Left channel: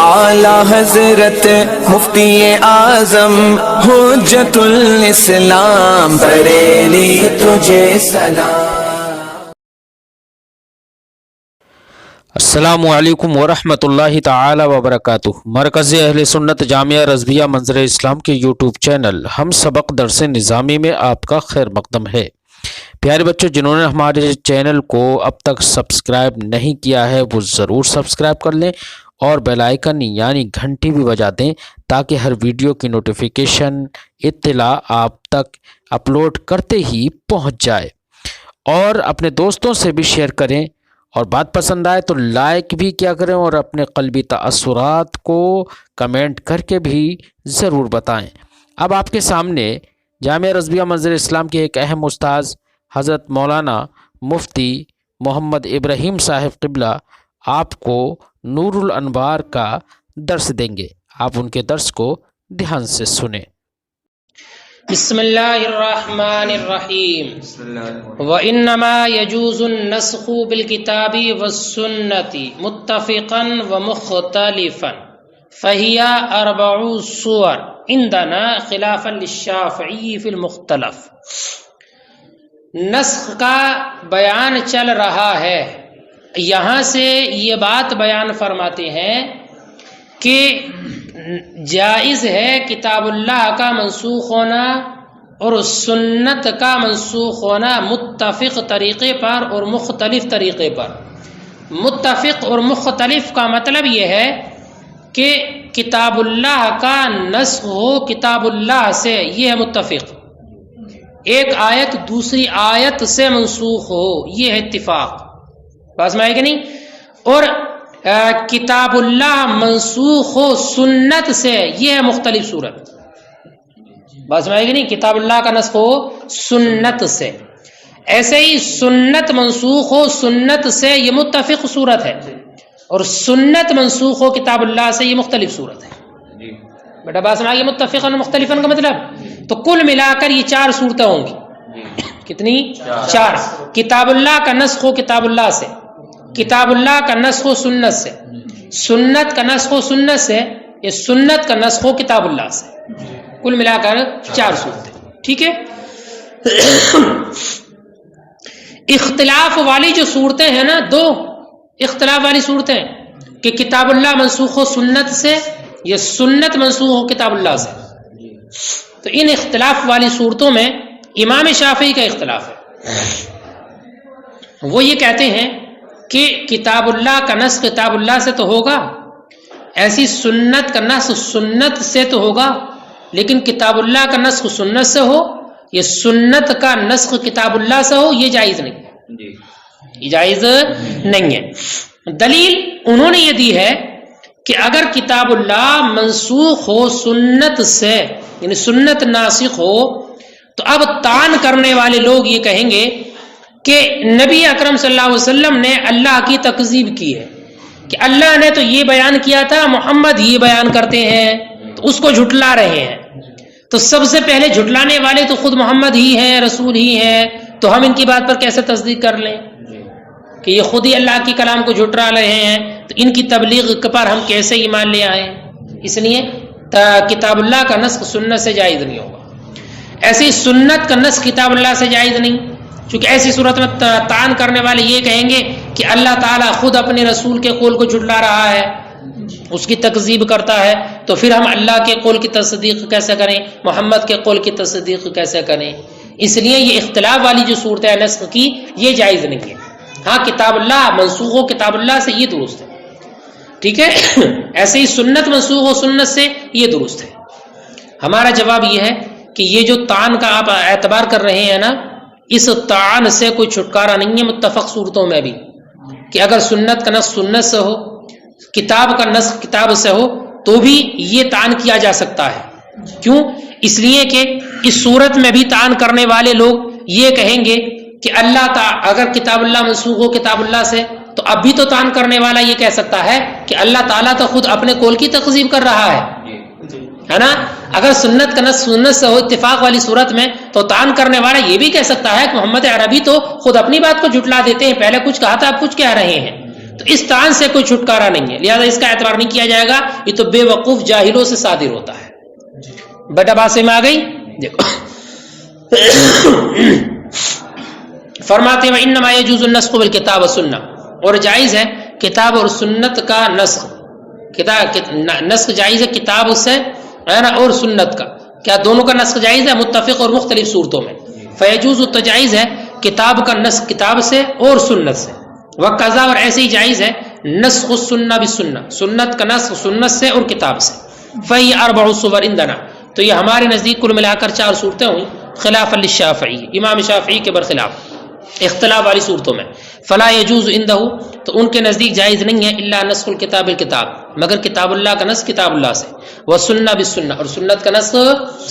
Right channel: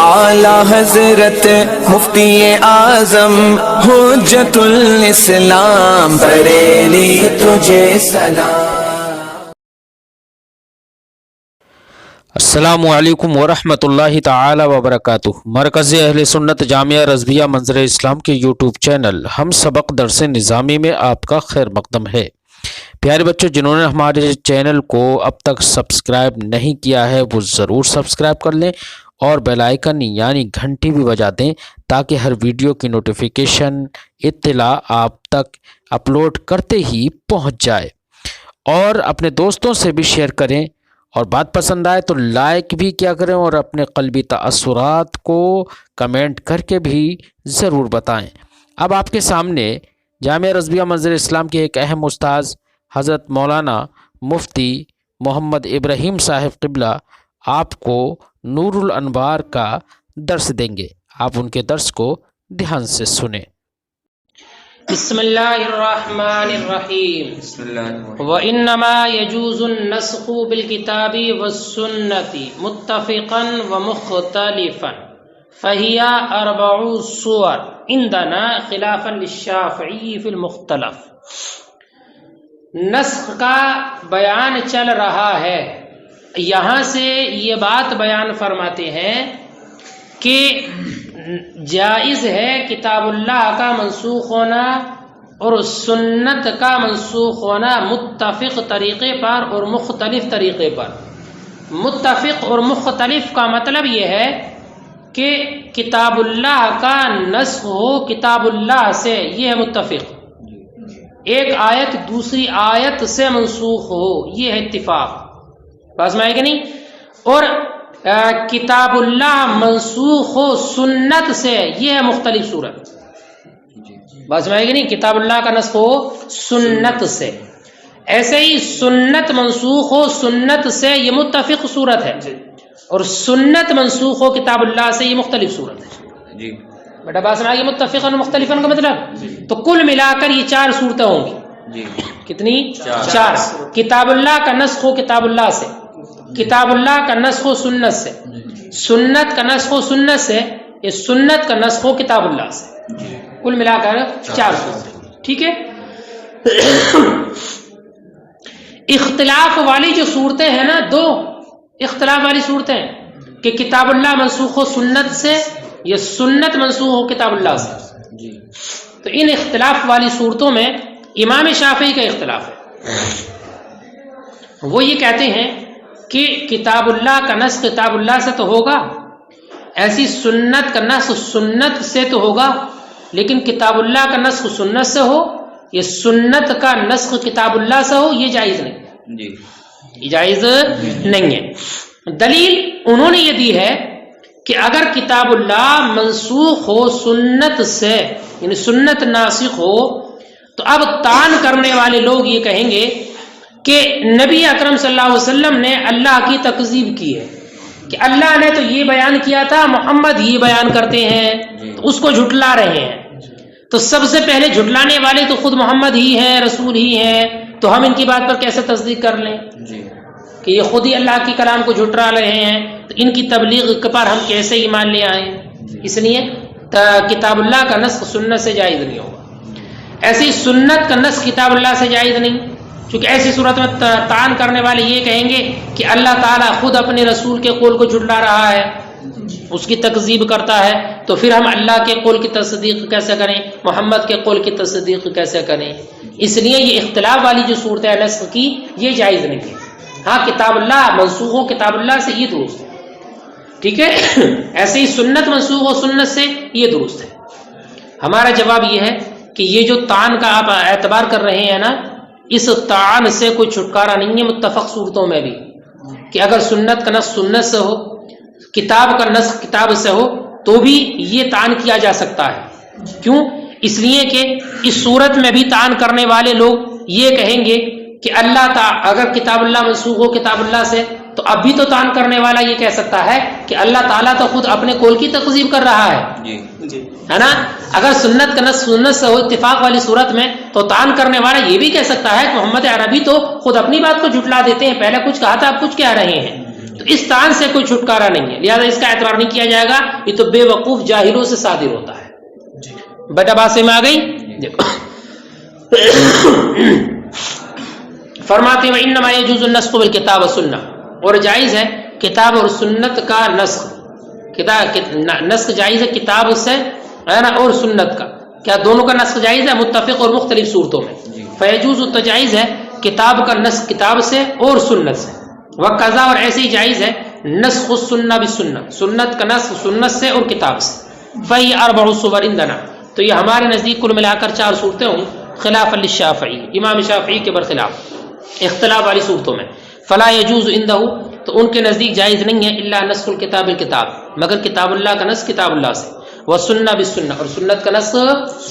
اعلی حضرت مفتی اعظم حجت الاسلام بریلی تجھے سلام۔ السلام علیکم ورحمۃ اللہ تعالی وبرکاتہ۔ مرکز اہل سنت جامعہ رضویہ منظر اسلام کے یوٹیوب چینل ہم سبق درس نظامی میں آپ کا خیر مقدم ہے۔ پیارے بچوں، جنہوں نے ہمارے چینل کو اب تک سبسکرائب نہیں کیا ہے وہ ضرور سبسکرائب کر لیں اور بیل آئیکن یعنی گھنٹی بھی بجا دیں تاکہ ہر ویڈیو کی نوٹیفیکیشن اطلاع آپ تک اپلوڈ کرتے ہی پہنچ جائے، اور اپنے دوستوں سے بھی شیئر کریں، اور بات پسند آئے تو لائک بھی کیا کریں، اور اپنے قلبی تاثرات کو کمنٹ کر کے بھی ضرور بتائیں۔ اب آپ کے سامنے جامعہ رضویہ منظر اسلام کے ایک اہم استاذ حضرت مولانا مفتی محمد ابراہیم صاحب قبلہ آپ کو نور الانوار کا درس دیں گے۔ آپ ان کے درس کو دھیان سے سنیں۔ بسم اللہ الرحمن الرحیم۔ وَإِنَّمَا يَجُوزُ النَّسْخُ بِالْكِتَابِ وَالسُّنَّةِ مُتَّفِقًا وَمُخْتَلِفًا فَهِيَ 4 صور عندنا خلافا للشافعی فی المختلف۔ نسخ کا بیان چل رہا ہے، یہاں سے یہ بات بیان فرماتے ہیں کہ جائز ہے کتاب اللہ کا منسوخ ہونا اور سنت کا منسوخ ہونا متفق طریقے پر اور مختلف طریقے پر۔ متفق اور مختلف کا مطلب یہ ہے کہ کتاب اللہ کا نسخ ہو کتاب اللہ سے، یہ ہے متفق۔ ایک آیت دوسری آیت سے منسوخ ہو، یہ ہے اتفاق۔ بات سمجھے کہ نہیں؟ اور کتاب اللہ منسوخ ہو سنت سے، یہ ہے مختلف صورت۔ بات سمجھے کہ نہیں؟ کتاب اللہ کا نسخ ہو سنت سے، ایسے ہی سنت منسوخ ہو سنت سے، یہ متفق صورت ہے، اور سنت منسوخ ہو کتاب اللہ سے، یہ مختلف صورت ہے۔ بیٹا بات سمجھا، یہ متفق اور مختلفن کا مطلب، تو کل ملا کر یہ 4 صورتیں ہوں گی۔ کتنی؟ 4۔ کتاب اللہ کا نسخ ہو کتاب اللہ سے، کتاب اللہ کا نسخ و سنت سے، سنت کا نسخ و سنت سے، یہ سنت کا نسخ و کتاب اللہ سے، کل ملا کر 4 صورتیں۔ ٹھیک ہے؟ اختلاف والی جو صورتیں ہیں نا، 2 اختلاف والی صورتیں کہ کتاب اللہ منسوخ و سنت سے، یہ سنت منسوخ ہو کتاب اللہ سے، تو ان اختلاف والی صورتوں میں امام شافعی کا اختلاف ہے۔ وہ یہ کہتے ہیں کہ کتاب اللہ کا نسخ کتاب اللہ سے تو ہوگا، ایسی سنت کا نسخ سنت سے تو ہوگا، لیکن کتاب اللہ کا نسخ سنت سے ہو، یہ سنت کا نسخ کتاب اللہ سے ہو، یہ جائز نہیں، یہ جائز نہیں ہے۔ دلیل انہوں نے یہ دی ہے کہ اگر کتاب اللہ منسوخ ہو سنت سے، یعنی سنت ناسخ ہو، تو اب طعن کرنے والے لوگ یہ کہیں گے کہ نبی اکرم صلی اللہ علیہ وسلم نے اللہ کی تکذیب کی ہے، کہ اللہ نے تو یہ بیان کیا تھا، محمد یہ بیان کرتے ہیں، تو اس کو جھٹلا رہے ہیں۔ تو سب سے پہلے جھٹلانے والے تو خود محمد ہی ہیں، رسول ہی ہیں، تو ہم ان کی بات پر کیسے تصدیق کر لیں کہ یہ خود ہی اللہ کی کلام کو جھٹلا رہے ہیں، تو ان کی تبلیغ پر ہم کیسے ایمان لے آئیں؟ اس لیے کتاب اللہ کا نسخ سنت سے جائز نہیں ہوگا، ایسی سنت کا نسخ کتاب اللہ سے جائز نہیں، چونکہ ایسی صورت میں طعن کرنے والے یہ کہیں گے کہ اللہ تعالیٰ خود اپنے رسول کے قول کو جھٹلا رہا ہے، اس کی تکذیب کرتا ہے، تو پھر ہم اللہ کے قول کی تصدیق کیسے کریں، محمد کے قول کی تصدیق کیسے کریں؟ اس لیے یہ اختلاف والی جو صورت ہے نسخ کی، یہ جائز نہیں ہے۔ ہاں کتاب اللہ منسوخ ہو کتاب اللہ سے، یہ درست ہے، ٹھیک ہے؟ ایسے ہی سنت منسوخ ہو سنت سے، یہ درست ہے۔ ہمارا جواب یہ ہے کہ یہ جو طعن کا آپ اعتبار کر رہے ہیں نا، اس طعن سے کوئی چھٹکارا نہیں ہے متفق صورتوں میں بھی، کہ اگر سنت کا نسخ سنت سے ہو، کتاب کا نسخ کتاب سے ہو، تو بھی یہ طعن کیا جا سکتا ہے۔ کیوں؟ اس لیے کہ اس صورت میں بھی طعن کرنے والے لوگ یہ کہیں گے کہ اللہ تعالی اگر کتاب اللہ منسوخ ہو کتاب اللہ سے، تو اب بھی تو طعن کرنے والا یہ کہہ سکتا ہے کہ اللہ تعالیٰ تو خود اپنے قول کی تکذیب کر رہا ہے نا؟ اگر سنت کا نسخ سنت سے ہو اتفاق والی صورت میں، تو طعن کرنے والا یہ بھی کہہ سکتا ہے کہ محمد عربی تو خود اپنی بات کو جھٹلا دیتے ہیں، پہلے کچھ کہا تھا اب کچھ کہہ رہے ہیں، تو اس طعن سے کوئی چھٹکارا نہیں ہے، لہذا اس کا اعتبار نہیں کیا جائے گا، یہ تو بے وقوف جاہلوں سے صادر ہوتا ہے۔ بیٹا بات سے میں آ گئی؟ دیکھو فرماتے ہیں وَإِنَّمَا يَجُوزُ النَّسْخُ بِالْكِتَابِ وَالسُّنَّةِ، اور جائز ہے کتاب اور سنت کا نسخ، نسخ جائز ہے کتاب سے ہے نا اور سنت کا، کیا دونوں کا نسخ جائز ہے؟ متفق اور مختلف صورتوں میں۔ فیجوز تو جائز ہے کتاب کا نسخ کتاب سے اور سنت سے، وقضا اور ایسے ہی جائز ہے نسخ السنہ بالسنہ، سنت کا نسخ سنت سے اور کتاب سے۔ فہی اربع صور عندنا، تو یہ ہمارے نزدیک کل ملا کر 4 صورتیں ہوئی، خلاف للشافعی، امام شافعی کے برخلاف اختلاف والی صورتوں میں۔ فلا يجوز عنده، تو ان کے نزدیک جائز نہیں ہے الا نسخ الکتاب بالکتاب، مگر کتاب اللہ کا نسخ کتاب اللہ سے، والسنہ بالسنہ، اور سنت کا نسخ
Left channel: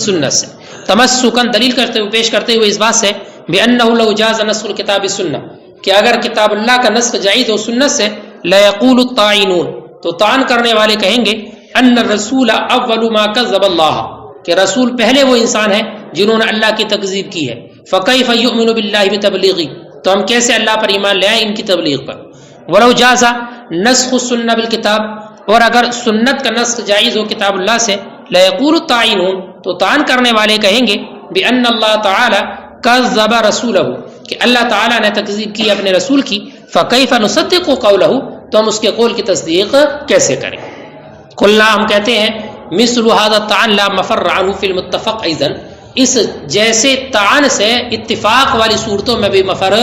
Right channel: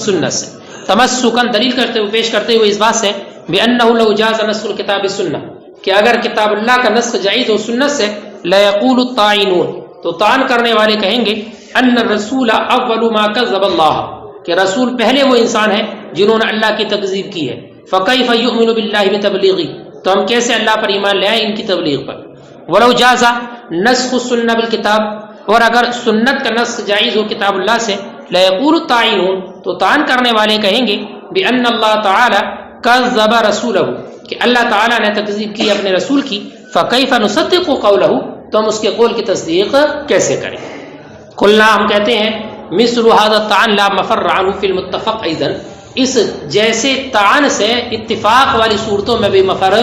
سنت سے، تمسکا دلیل کرتے ہوئے پیش کرتے ہوئے اس بات سے بانه لو جاز نسخ الکتاب بالسنہ، کہ اگر کتاب اللہ کا نسخ جائز ہو سنت سے، ليقول الطاعنون، تو طعن کرنے والے کہیں گے ان الرسول اول ما كذب اللہ، کہ رسول پہلے وہ انسان ہے جنہوں نے اللہ کی تکذیب کی ہے، فکیف یؤمن باللہ بتبلیغی، تو ہم کیسے اللہ پر ایمان لے آئیں ان کی تبلیغ پر۔ ولو جاز نسخ السنہ بالکتاب، اور اگر سنت کا نسخ جائز ہو کتاب اللہ سے، لیقول الطاعنون، تو طعن کرنے والے کہیں گے بان اللہ تعالی کذب رسولہ، کہ اللہ تعالیٰ نے تکذیب کی اپنے رسول کی، فکیف نصدق قولہ، تو ہم اس کے قول کی تصدیق کیسے کریں۔ قلنا، ہم کہتے ہیں مثل هذا الطعن لا مفر عنه في المتفق ايضا، اس جیسے طعن سے اتفاق والی صورتوں میں بھی مفر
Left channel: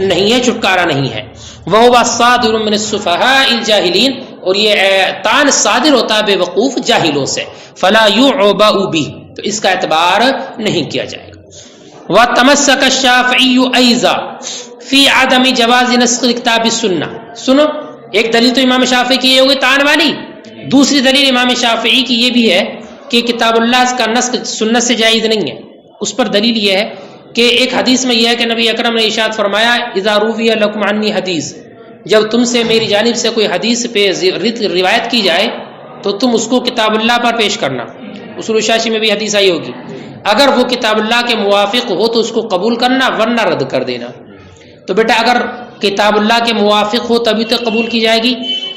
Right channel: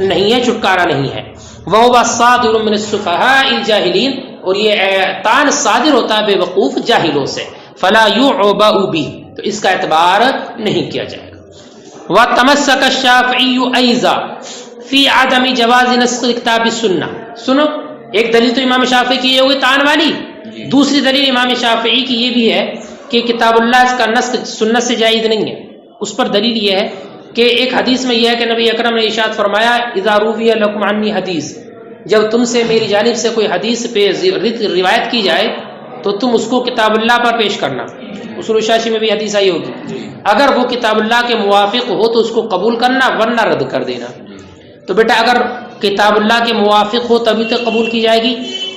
نہیں ہے، چھٹکارا نہیں ہے۔ وهو صادر من السفهاء الجاهلين، اور یہ طعن صادر ہوتا ہے بے وقوف جاہلوں سے، فلا يعبأ به، تو اس کا اعتبار نہیں کیا جائے گا۔ وتمسك الشافعي ايضا في عدم جواز نسخ الكتاب بالسنة، سنو ایک دلیل تو امام شافعی کی یہ ہوگی طعن والی، دوسری دلیل امام شافعی کی یہ بھی ہے کہ کتاب اللہ کا نسخ سنت سے جائز نہیں ہے۔ اس پر دلیل یہ ہے کہ ایک حدیث میں یہ ہے کہ نبی اکرم نے ارشاد فرمایا اذا روی لکم عنی حدیث، جب تم سے میری جانب سے کوئی حدیث پہ روایت کی جائے تو تم اس کو کتاب اللہ پر پیش کرنا، اصول شاشی میں بھی حدیث آئی ہوگی، اگر وہ کتاب اللہ کے موافق ہو تو اس کو قبول کرنا ورنہ رد کر دینا۔ تو بیٹا اگر کتاب اللہ کے موافق ہو تبھی تو قبول کی جائے گی،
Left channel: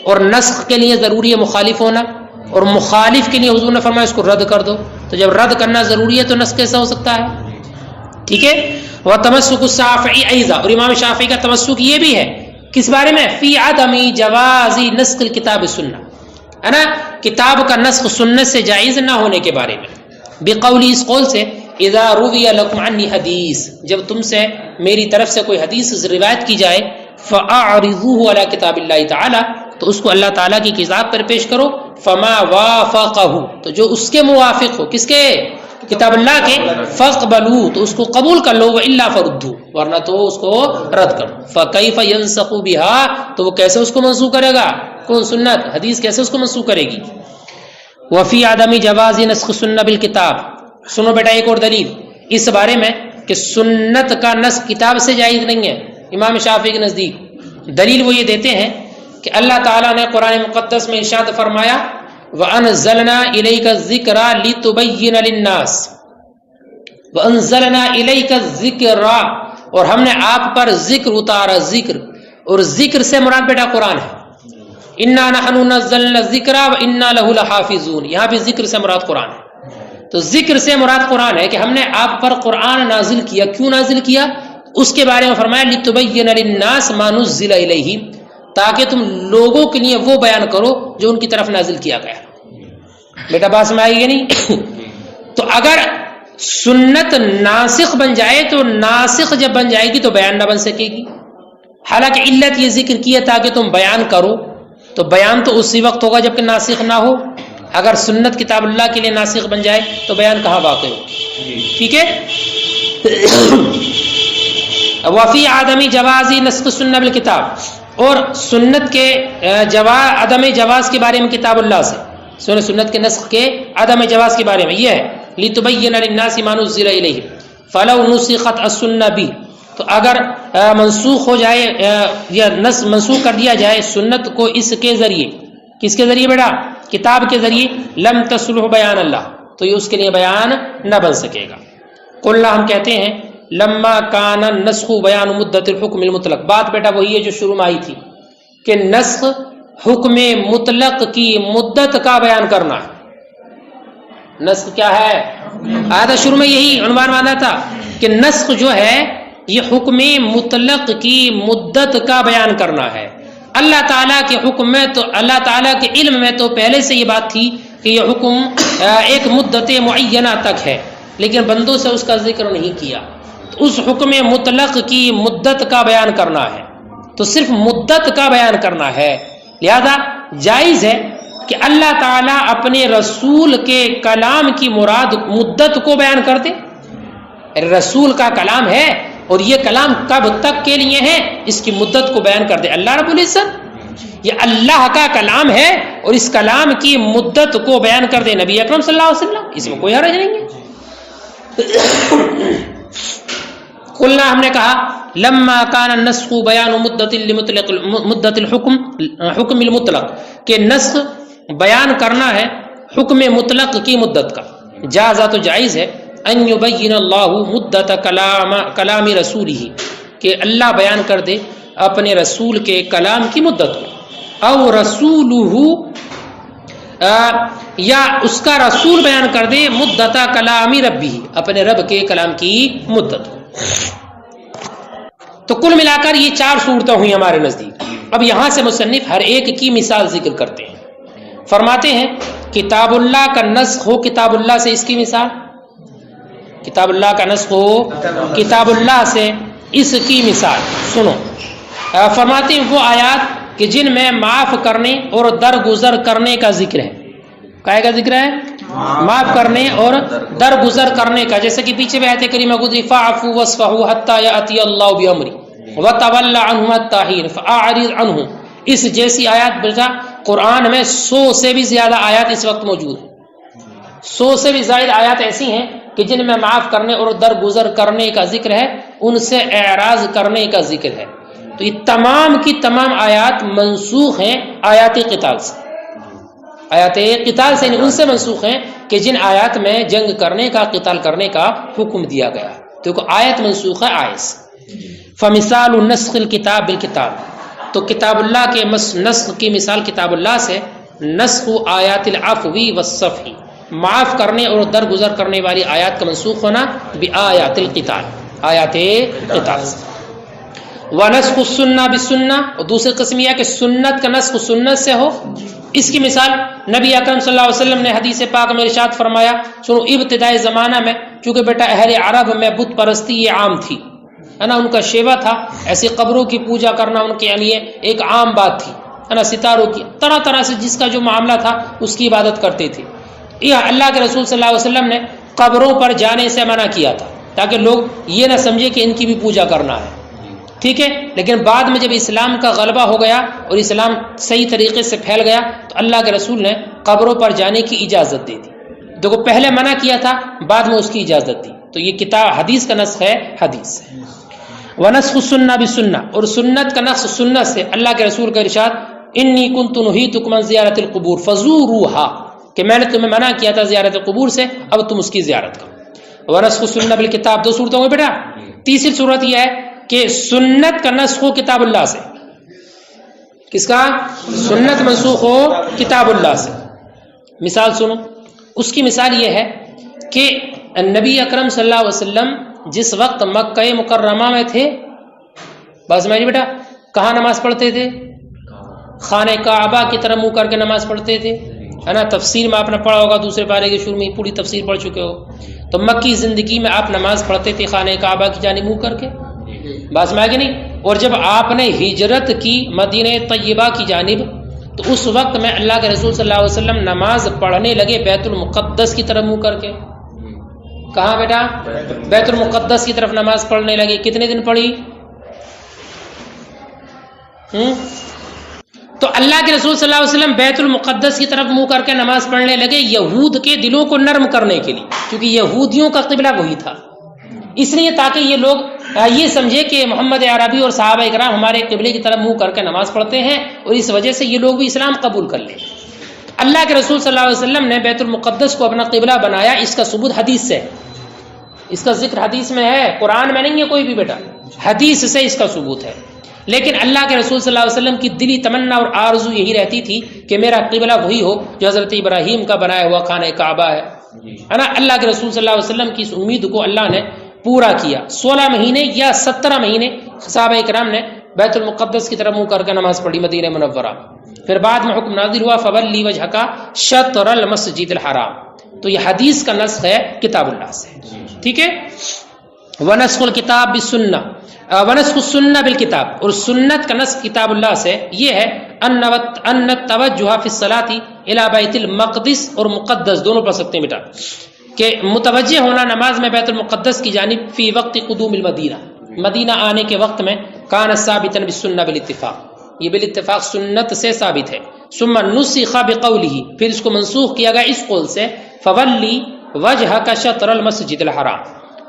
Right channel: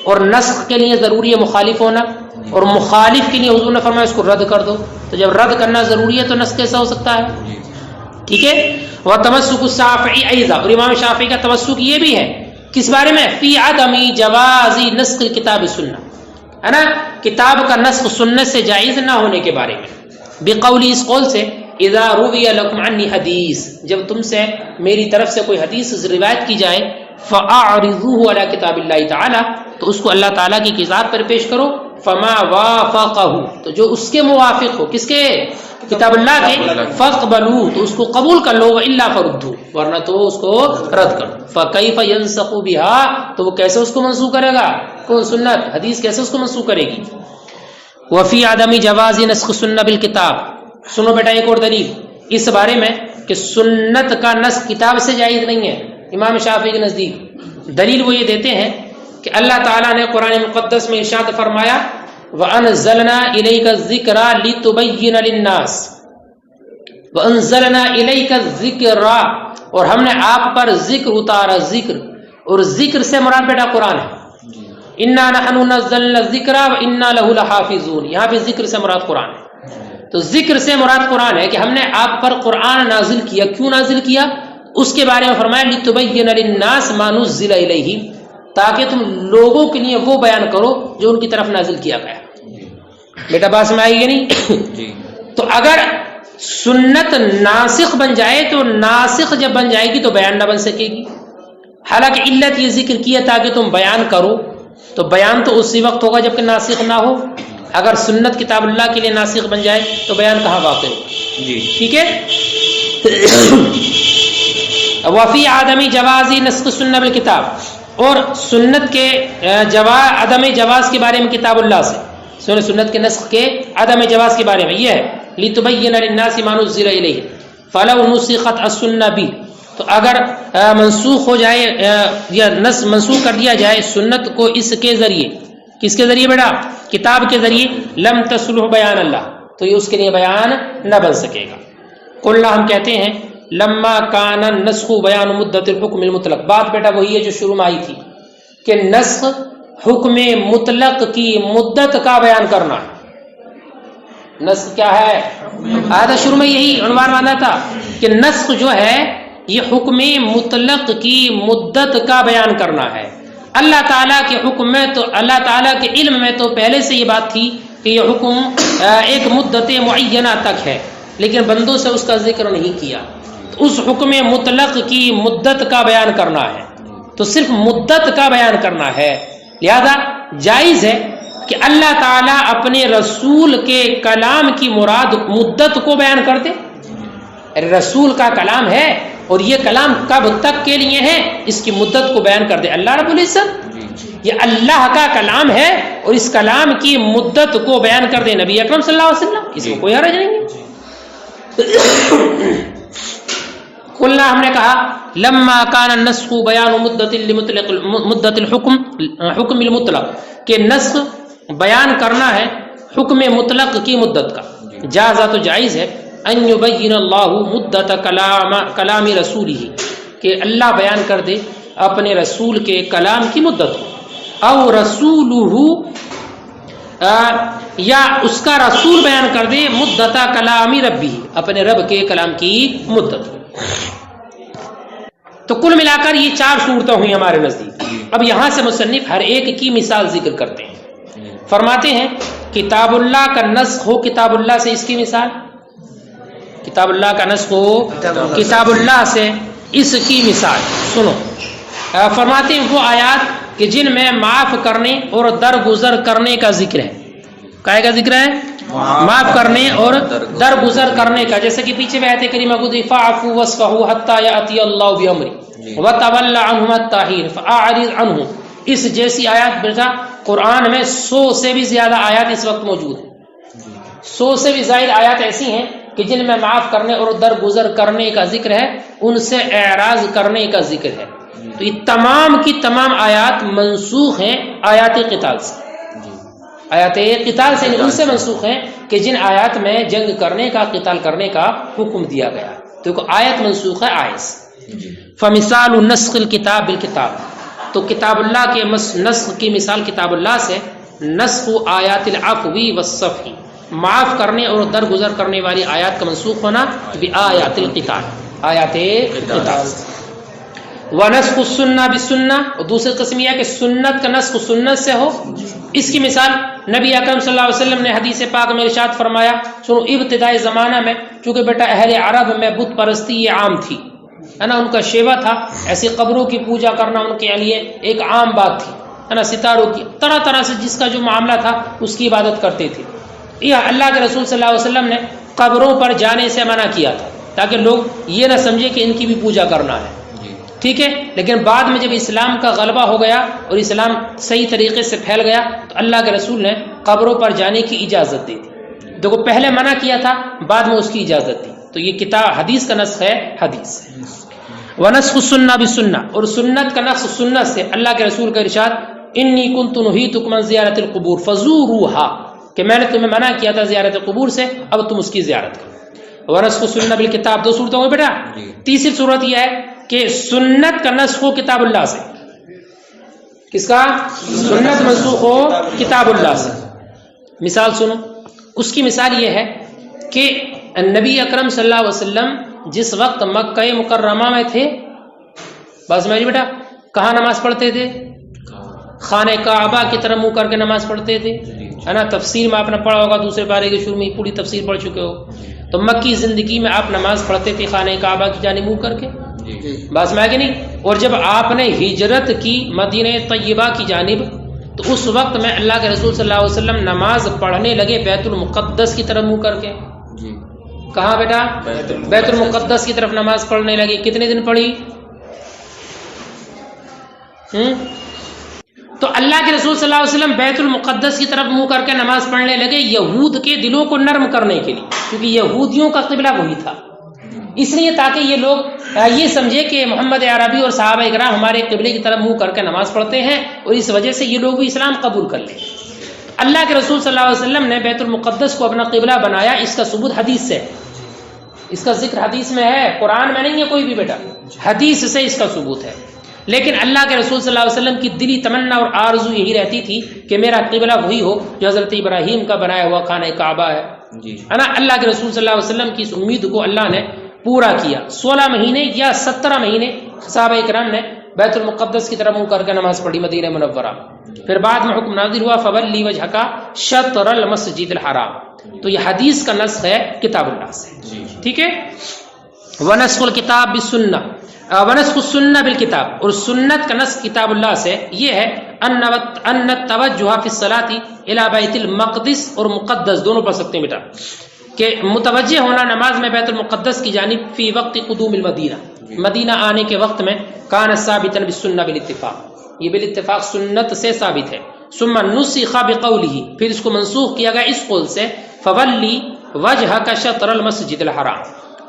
اور نسخ کے لیے ضروری ہے مخالف ہونا، اور مخالف کے لیے حضور نے فرمایا اس کو رد کر دو، تو جب رد کرنا ضروری ہے تو نسخ کیسا ہو سکتا ہے؟ ٹھیک ہے۔ وتمسک الشافعی ایضا، اور امام شافعی کا تمسک یہ بھی ہے کس بارے میں؟ فی عدم جواز نسخ الکتاب السنہ، ہے نا، کتاب کا نسخ سنت سے جائز نہ ہونے کے بارے میں، بقولی، اس قول سے اذا روی لکم عنی حدیث، جب تم سے میری طرف سے کوئی حدیث روایت کی جائے، فاعرضوه علی کتاب اللہ تعالی، تو اس کو اللہ تعالیٰ کی کتاب پر پیش کرو، فما وافقہ، تو جو اس کے موافق ہو، کس کے؟ کتاب اللہ کے، فاقبلوا، تو اس کو قبول کر لو، والا فردوا، ورنہ تو اس کو رد کر دو۔ فکیف ینسخ بها، تو وہ کیسے اس کو منسوخ کرے گا؟ کون؟ سنت، حدیث کیسے اس کو منسوخ کرے گی؟ وفی عدم جواز نسخ سنہ بالکتاب، سنو بیٹا ایک اور دلیل اس بارے میں کہ سنت کا نسخ کتاب سے جائز نہیں ہے امام شافعی کے نزدیک۔ دلیل وہ یہ دیتے ہیں کہ اللہ تعالیٰ نے قرآن مقدس میں ارشاد فرمایا وَأَنزَلْنَا إِلَيْكَ الذِّكْرَ لِتُبَيِّنَ لِلنَّاسِ، وَأَنزَلْنَا إِلَيْكَ الذِّكْرَ، اور ہم نے آپ پر ذکر اتارا، ذکر، اور ذکر سے مراد بیٹا قرآن ہے، اِنَّا نَحْنُ نَزَّلْنَا الذِّكْرَ وَإِنَّا لَهُ لَحَافِظُونَ، یہاں بھی ذکر سے مراد قرآن ہے۔ تو ذکر سے مراد قرآن ہے کہ ہم نے آپ پر قرآن نازل کیا، کیوں نازل کیا؟ اس کے بارے میں فرمایا لِتُبَيِّنَ لِلنَّاسِ مَا نُزِّلَ إِلَيْهِمْ، تاکہ تم لوگوں کے لیے وہ بیان کرو جو ان کی طرف نازل کیا گیا ہے۔ بیٹا بات سمجھ آئی گی نہیں؟ تو اگر سنت ناسخ بن جائے تو ناسخ جب بن جائے گی تو بیان نہ بن سکے گی، حالانکہ علت یہ ذکر کی ہے تاکہ تم بیان کرو، تو بیان تو اسی وقت ہوگا جب کہ ناسخ نہ ہو۔ اگر سنت کتاب اللہ کے لیے ناسخ بن جائے تو بیان کہاں واقع ہو؟ ٹھیک ہے۔ وفی عدم جواز نسخ السنہ بالکتاب، اور سنت کے عدم جواز کے بارے میں کتاب اللہ سے، سنت کے نسخ کے عدم جواز کے بارے میں یہ ہے لِتُبَيِّنَ لِلنَّاسِ مَا نُزِّلَ إِلَيْهِمْ فَلَوْ نُسِخَتْ السُّنَّةُ بِهِ، تو اگر منسوخ ہو جائے یا منسوخ کر دیا جائے سنت کو اس کے ذریعے، کس کے ذریعے بیٹا؟ کتاب کے ذریعے، لم تصلح بیان اللہ، تو یہ اس کے لیے بیان نہ بن سکے گا۔ قلنا، ہم کہتے ہیں لما کان النسخ بیان مدت الحکم المطلق، بات بیٹا وہی ہے جو شروع میں آئی تھی کہ نسخ حکم مطلق کی مدت کا بیان کرنا ہے۔ نسخ کیا ہے؟ آیت شروع میں یہی عنوان مانا تھا کہ نسخ جو ہے یہ حکم مطلق کی مدت کا بیان کرنا ہے۔ اللہ تعالیٰ کے حکم میں تو اللہ تعالیٰ کے علم میں تو پہلے سے یہ بات تھی کہ یہ حکم ایک مدت معینہ تک ہے، لیکن بندوں سے اس کا ذکر نہیں کیا۔ اس حکم مطلق کی مدت کا بیان کرنا ہے، تو صرف مدت کا بیان کرنا ہے۔ لہذا جائز ہے کہ اللہ تعالیٰ اپنے رسول کے کلام کی مراد مدت کو بیان کر دے۔ رسول کا کلام ہے اور یہ کلام کب تک کے لیے ہے، اس کی مدت کو بیان کر دے۔ اللہ رب العزت یہ اللہ کا کلام ہے اور اس کلام کی مدت کو بیان کر دے نبی اکرم صلی اللہ علیہ وسلم، اس میں کوئی حرج نہیں ہے۔ قلنا ہم نے کہا لما کان النسخ بیان مدت الحکم حکم المطلق کہ نسخ بیان کرنا ہے حکم مطلق کی مدت کا، جازا تو جائز ہے ان یبین اللہ مدت کلام رسولہ کہ اللہ بیان کر دے اپنے رسول کے کلام کی مدت کو، او رسولہ یا اس کا رسول بیان کر دے مدت کلام ربی اپنے رب کے کلام کی مدت کو۔ تو کل ملا کر یہ 4 صورتیں ہوئی ہمارے نزدیک۔ اب یہاں سے مصنف ہر ایک کی مثال ذکر کرتے ہیں۔ فرماتے ہیں کتاب اللہ کا نسخ ہو کتاب اللہ سے، اس کی مثال کتاب اللہ کا نسخ ہو کتاب اللہ سے، اس کی مثال سنو۔ فرماتے ہیں وہ آیات کہ جن میں معاف کرنے اور درگزر کرنے کا ذکر ہے۔ کائے کا ذکر ہے؟ معاف کرنے اور درگزر کرنے کا، جیسے کہ پیچھے میں آیت کریمہ گزری فاعفوا واصفحوا حتی یأتی اللہ بامرہ وتول عنہم حتی حین فاعرض عنہم، اس جیسی آیات بیٹا قرآن میں 100 سے بھی زیادہ آیات اس وقت موجود ہیں۔ 100 سے بھی زائد آیات ایسی ہیں کہ جن میں معاف کرنے اور درگزر کرنے کا ذکر ہے، ان سے اعراض کرنے کا ذکر ہے۔ تو یہ تمام کی تمام آیات منسوخ ہیں آیات قتال سے، آیات قتال سے ان سے منسوخ ہیں کہ جن آیات میں جنگ کرنے کا قتال کرنے کا حکم دیا گیا ہے۔ تو آیت منسوخ ہے آیت سے۔ فمثال نسخ الکتاب بالکتاب، تو کتاب اللہ کے نسخ کی مثال کتاب اللہ سے نسخ آیات العفو والصفح، معاف کرنے اور درگزر کرنے والی آیات کا منسوخ ہونا بآیات القتال، آیات قتال۔ ونسخ السنہ بالسنہ، اور دوسری قسم یہ ہے کہ سنت کا نسخ سنت سے ہو، اس کی مثال نبی اکرم صلی اللہ علیہ وسلم نے حدیث پاک میں ارشاد فرمایا، سنو ابتدائی زمانہ میں چونکہ بیٹا اہل عرب میں بت پرستی یہ عام تھی، ہے نا، ان کا شیوا تھا، ایسی قبروں کی پوجا کرنا ان کے لیے ایک عام بات تھی، ہے نا، ستاروں کی طرح طرح سے جس کا جو معاملہ تھا اس کی عبادت کرتے تھے۔ یہ اللہ کے رسول صلی اللہ علیہ وسلم نے قبروں پر جانے سے منع کیا تھا تاکہ لوگ یہ نہ سمجھے کہ ان کی بھی پوجا کرنا ہے، ٹھیک ہے۔ لیکن بعد میں جب اسلام کا غلبہ ہو گیا اور اسلام صحیح طریقے سے پھیل گیا تو اللہ کے رسول نے قبروں پر جانے کی اجازت دی تھی۔ دیکھو پہلے منع کیا تھا، بعد میں اس کی اجازت دی، تو یہ کتاب حدیث کا نسخ ہے حدیث۔ ونسخ السنہ بالسنہ، اور سنت کا نسخ سنت سے، اللہ کے رسول کا ارشاد انی کنت نہیتکم عن زیارت القبور فزوروها، کہ میں نے تمہیں منع کیا تھا زیارت قبور سے، اب تم اس کی زیارت کرو۔ ونسخ السنہ بالکتاب، 2 صورتیں ہوئی بیٹا۔ تیسری صورت یہ ہے کہ سنت کا نسخ ہو کتاب اللہ سے، کس کا؟ سنت منسوخ ہو کتاب اللہ سے۔ مثال سنو، اس کی مثال یہ ہے کہ نبی اکرم صلی اللہ علیہ وسلم جس وقت مکہ مکرمہ میں تھے، بس میری بیٹا کہاں نماز پڑھتے تھے؟ خانہ کعبہ کی طرف منہ کر کے نماز پڑھتے تھے، ہے نا۔ تفسیر میں آپ نے پڑھا ہوگا، دوسرے پارے کے شروع میں پوری تفسیر پڑھ چکے ہو۔ تو مکی زندگی میں آپ نماز پڑھتے تھے خانہ کعبہ کی جانب منہ کر کے، بس میں کہ نہیں۔ اور جب آپ نے ہجرت کی مدینہ طیبہ کی جانب، تو اس وقت میں اللہ کے رسول صلی اللہ علیہ وسلم نماز پڑھنے لگے بیت المقدس کی طرف منہ کر کے۔ کہاں بیٹا؟ بیت المقدس کی طرف نماز پڑھنے لگے۔ کتنے دن پڑھی؟ تو اللہ کے رسول صلی اللہ علیہ وسلم بیت المقدس کی طرف منہ کر کے نماز پڑھنے لگے یہود کے دلوں کو نرم کرنے کے لیے، کیونکہ یہودیوں کا قبلہ وہی تھا، اس لیے تاکہ یہ لوگ یہ سمجھے کہ محمد عربی اور صحابہ اکرام ہمارے قبلے کی طرف منہ کر کے نماز پڑھتے ہیں، اور اس وجہ سے یہ لوگ بھی اسلام قبول کر لیں۔ اللہ کے رسول صلی اللہ علیہ وسلم نے بیت المقدس کو اپنا قبلہ بنایا، اس کا ثبوت حدیث سے، اس کا ذکر حدیث میں ہے، قرآن میں نہیں ہے کوئی بھی بیٹا، حدیث سے اس کا ثبوت ہے۔ لیکن اللہ کے رسول صلی اللہ علیہ وسلم کی دلی تمنا اور آرزو یہی رہتی تھی کہ میرا قبلہ وہی ہو جو حضرت ابراہیم کا بنایا ہوا خانہ کعبہ ہے نا. اللہ کے رسول صلی اللہ علیہ وسلم کی اس امید کو اللہ نے پورا کیا. 16 مہینے یا 17 مہینے صحابہ کرام نے بیت المقدس کی طرف منہ کر کے نماز پڑھی مدینہ منورہ. پھر بعد میں حکم نازل ہوا فولی وجہک شطر المسجد الحرام. تو یہ حدیث کا نسخ ہے کتاب اللہ سے. ٹھیک ہے. ونسخ الکتاب بالسنہ ونسخ السنہ بالکتاب، اور سنت کا نسخ کتاب اللہ سے یہ ہے ان التوجہ فی الصلاۃ الی بیت المقدس، اور مقدس دونوں پڑھ سکتے ہیں بیٹا، کہ متوجہ ہونا نماز میں بیت المقدس کی جانب فی وقت قدوم المدینہ، مدینہ آنے کے وقت میں کان ثابتا بالسنہ بالاتفاق، یہ بالاتفاق سنت سے ثابت ہے. ثم نسخ بقولہ، پھر اس کو منسوخ کیا گیا اس قول سے فولی وجہک شطر المسجد الحرام.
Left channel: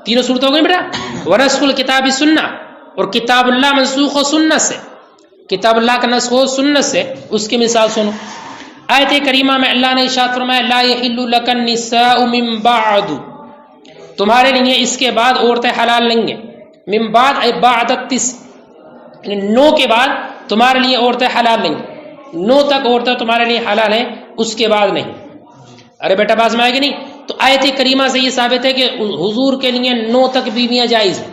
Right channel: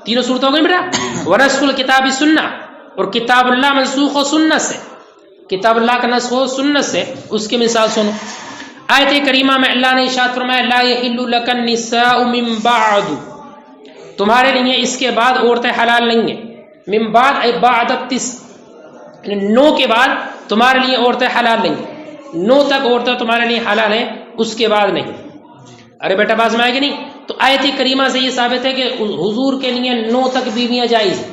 تینوں صورت ہو گئی بیٹا. ونسخ الکتاب سنہ، اور کتاب اللہ منسوخ ہو سنت سے، کتاب اللہ کا نسخ ہو سنت سے. اس کی مثال سنو. آیت کریمہ میں اللہ نے ارشاد فرمایا لا یحل لک النساء من بعد، تمہارے لیے اس کے بعد عورتیں حلال نہیں ہیں. من بعد ای بعد التسع، نو کے بعد تمہارے لیے عورتیں حلال نہیں ہیں. 9 تک عورتیں تمہارے لیے حلال ہیں، اس کے بعد نہیں. ارے بیٹا باز میں آئے گی نہیں. تو آیت کریمہ سے یہ ثابت ہے کہ حضور کے لیے 9 تک بیویاں جائز ہیں.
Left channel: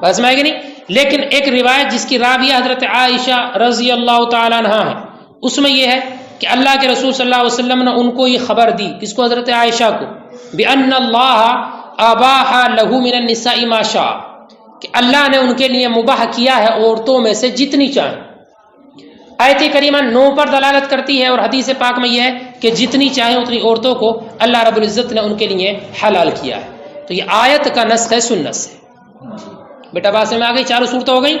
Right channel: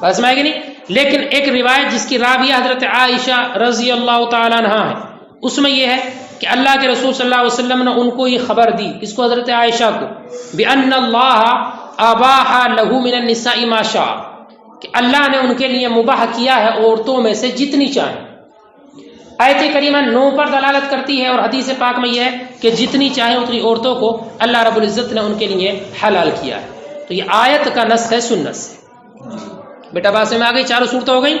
باز میں آئے گی نہیں. لیکن ایک روایت جس کی راویہ حضرت عائشہ رضی اللہ تعالیٰ عنہا ہے، اس میں یہ ہے کہ اللہ کے رسول صلی اللہ علیہ وسلم نے ان کو یہ خبر دی، کس کو؟ حضرت عائشہ کو، بِأَنَّ اللَّهَ أَبَاحَ لَهُ مِنَ النِّسَاءِ مَا شَاءَ، کہ اللہ نے ان کے لیے مباح کیا ہے عورتوں میں سے جتنی چاہیں. آیت کریمہ 9 پر دلالت کرتی ہے، اور حدیث پاک میں یہ ہے کہ جتنی چاہیں اتنی عورتوں کو اللہ رب العزت نے ان کے لیے حلال کیا ہے. تو یہ آیت کا نسخ ہے سنت سے. بیٹا بات میں آ گئی، چاروں صورتیں ہو گئی.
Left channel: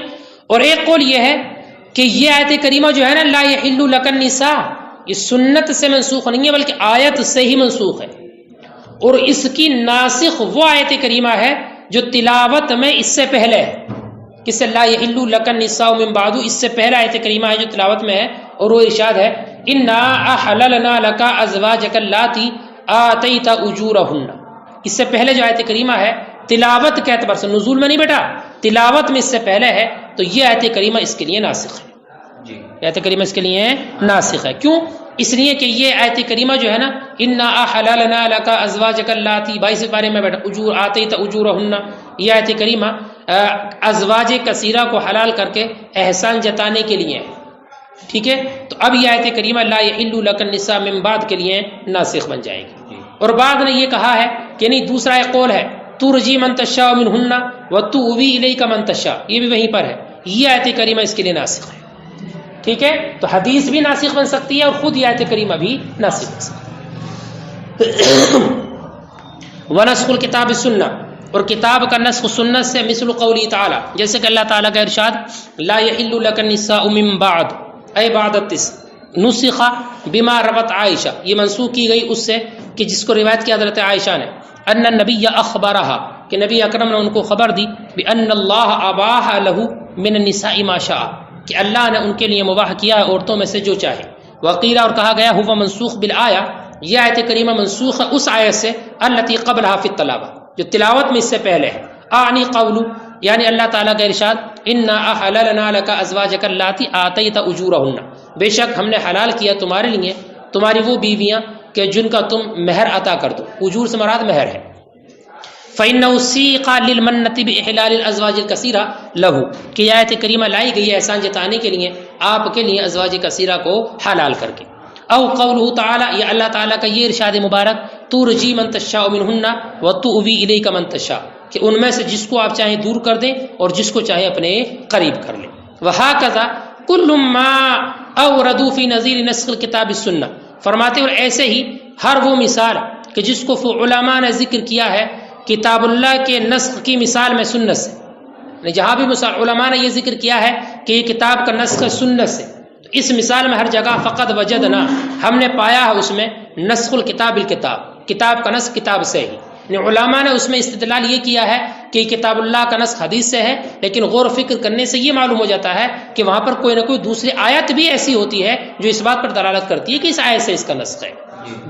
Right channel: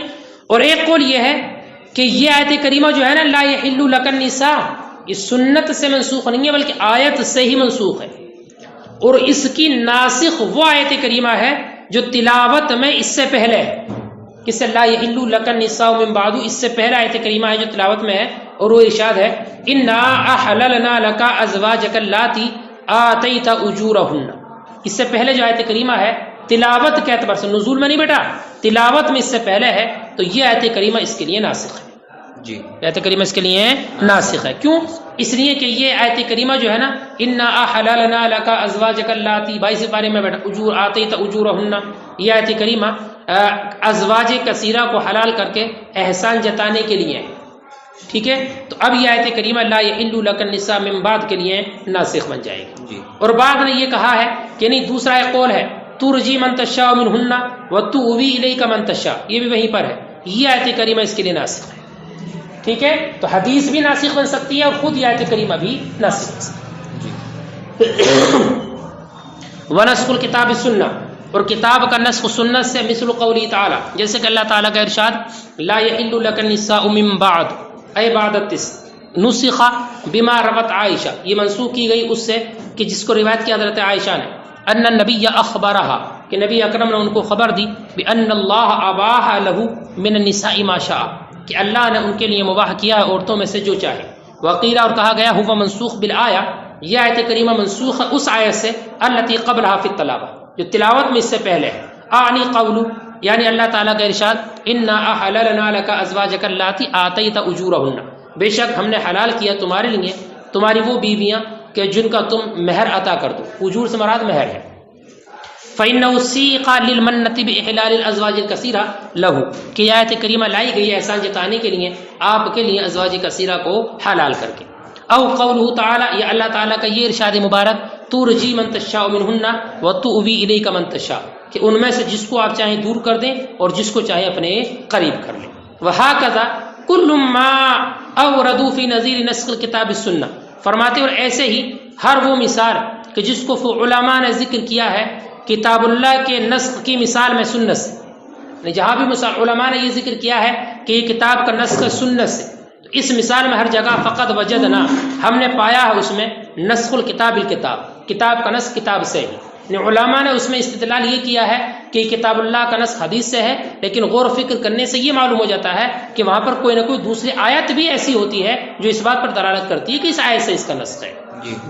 اور ایک قول یہ ہے کہ یہ آیت کریمہ جو ہے نا لا یحل لک النساء، یہ سنت سے منسوخ نہیں ہے بلکہ آیت سے ہی منسوخ ہے. اور اس کی ناسخ وہ آیت کریمہ ہے جو تلاوت میں اس سے پہلے ہے. کس سے؟ لا یحل لک النساء من بعد، اس سے پہلا آیت کریمہ ہے جو تلاوت میں ہے، اور وہ ارشاد ہے انا احللنا لک ازواجک اللاتی آتیت اجورہن. اس سے پہلے جو آیت کریمہ ہے تلاوت کے اعتبار سے، نزول میں نہیں بیٹا، تلاوت میں اس سے پہلے ہے، تو یہ آیت کریمہ اس کے لیے ناسخ ہے. آیت کریمہ اس کے لیے ناسخ ہے. کیوں؟ اس لیے کہ یہ آیت کریمہ جو ہے نا انا احللنا لک ازواجک اللاتی 22 پارے میں بیٹا اجور آتیت اجورہن، یہ آیت کریمہ ازواج کثیرہ کو حلال کر کے احسان جتانے کے لیے ہے. ٹھیک ہے. تو اب یہ آیت کریمہ لا یحل لک النساء من بعد کے لیے ناسخ بن جائے گی. اور بعد نے یہ کہا ہے کہ نہیں، دوسرا ایک قول ہے ترجی من تشاء منہن وتؤوی الیک من تشاء، یہ بھی وہیں پر ہے. یہ آیت کریمہ اس کے لیے ناسخ ہے. ٹھیک ہے. تو حدیث بھی ناسخ بن سکتی ہے اور خود یہ آیت کریمہ بھی ناسخ بن سکتی ہے. ونسخ الکتاب السنہ، اور کتاب کا نسخ سنت سے مثل قولی تعالی، جیسے کہ اللہ تعالیٰ کا ارشاد لا یحل لک النساء من بعد اے بعد التسع نسخ بما روت عائشہ، یہ منسوخ کی گئی اس سے کہ جس کو روایت کی حضرت عائشہ نے، ان النبی اخبرہا، کہ نبی اکرم نے ان کو خبر دی بان اللہ اباح لہ من النساء ما شاء، کہ اللہ نے ان کے لیے مباح کیا ہے عورتوں میں سے جو چاہے. وقیل، اور کہا گیا ہوا منسوخ بالآیہ، یہ آیت کریمہ منسوخ ہے اس آیت سے التی قبلہا فی التلاوہ، جو تلاوت میں اس سے پہلے ہے. اعنی قولو، یعنی اللہ تعالیٰ کا ارشاد انا احللنا لک ازواجک اللاتی آتیت اجورہن، بے شک ہم نے حلال کیا تمہارے لیے تمہاری وہ بیویاں کہ جن کا تم مہر عطا کر دو. اجور سے مراد مہر ہے. فإنه سیق للمنۃ بإحلال الازواج الکثیرہ لہ، کہ یہ آیت کریمہ لائی گئی ہے احسان جتانے کے لیے آپ کے لیے ازواج کثیرہ کو حلال کر کے. او قولہ تعالی، یہ اللہ تعالیٰ کا یہ ارشاد مبارک ترجی من تشاء منہن وتؤوی الیک من تشاء، کہ ان میں سے جس کو آپ چاہیں دور کر دیں اور جس کو چاہیں اپنے قریب کر لیں. وہکذا کل ما اوردوا فی نظیر نسخ الکتاب السنہ، فرماتے اور ایسے ہی ہر وہ مثال کہ جس کو علماء نے ذکر کیا ہے کتاب اللہ کے نسخ کی مثال میں سنت سے، جہاں بھی علماء نے یہ ذکر کیا ہے کہ یہ کتاب کا نسخ سنت سے، تو اس مثال میں ہر جگہ فقط وجدنا، ہم نے پایا ہے اس میں نسخ الکتاب الکتاب، کتاب کا نسخ کتاب سے ہے. علماء نے اس میں استدلال یہ کیا ہے کہ کتاب اللہ کا نسخ حدیث سے ہے، لیکن غور و فکر کرنے سے یہ معلوم ہو جاتا ہے کہ وہاں پر کوئی نہ کوئی دوسری آیت بھی ایسی ہوتی ہے جو اس بات پر دلالت کرتی ہے کہ اس آیت سے اس کا نسخ ہے.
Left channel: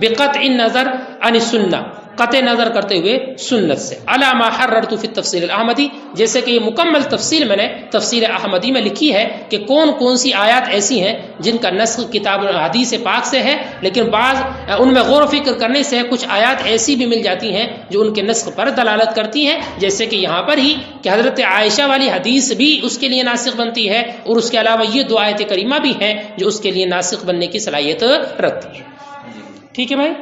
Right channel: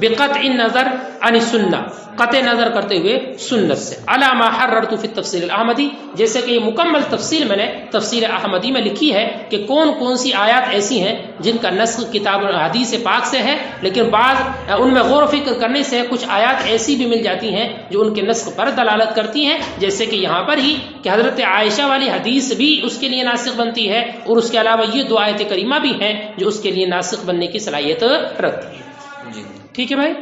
بقطع النظر عن السنہ، قطع نظر کرتے ہوئے سنت سے، علی ما حررت فی التفسیر الاحمدی، جیسے کہ یہ مکمل تفسیر میں نے تفسیر احمدی میں لکھی ہے کہ کون کون سی آیات ایسی ہیں جن کا نسخ کتاب حدیث پاک سے ہے، لیکن بعض ان میں غور و فکر کرنے سے کچھ آیات ایسی بھی مل جاتی ہیں جو ان کے نسخ پر دلالت کرتی ہیں، جیسے کہ یہاں پر ہی کہ حضرت عائشہ والی حدیث بھی اس کے لیے ناسخ بنتی ہے، اور اس کے علاوہ یہ دو آیت کریمہ بھی ہیں جو اس کے لیے ناسخ بننے کی صلاحیت رکھتی ہے۔ ٹھیک ہے بھائی؟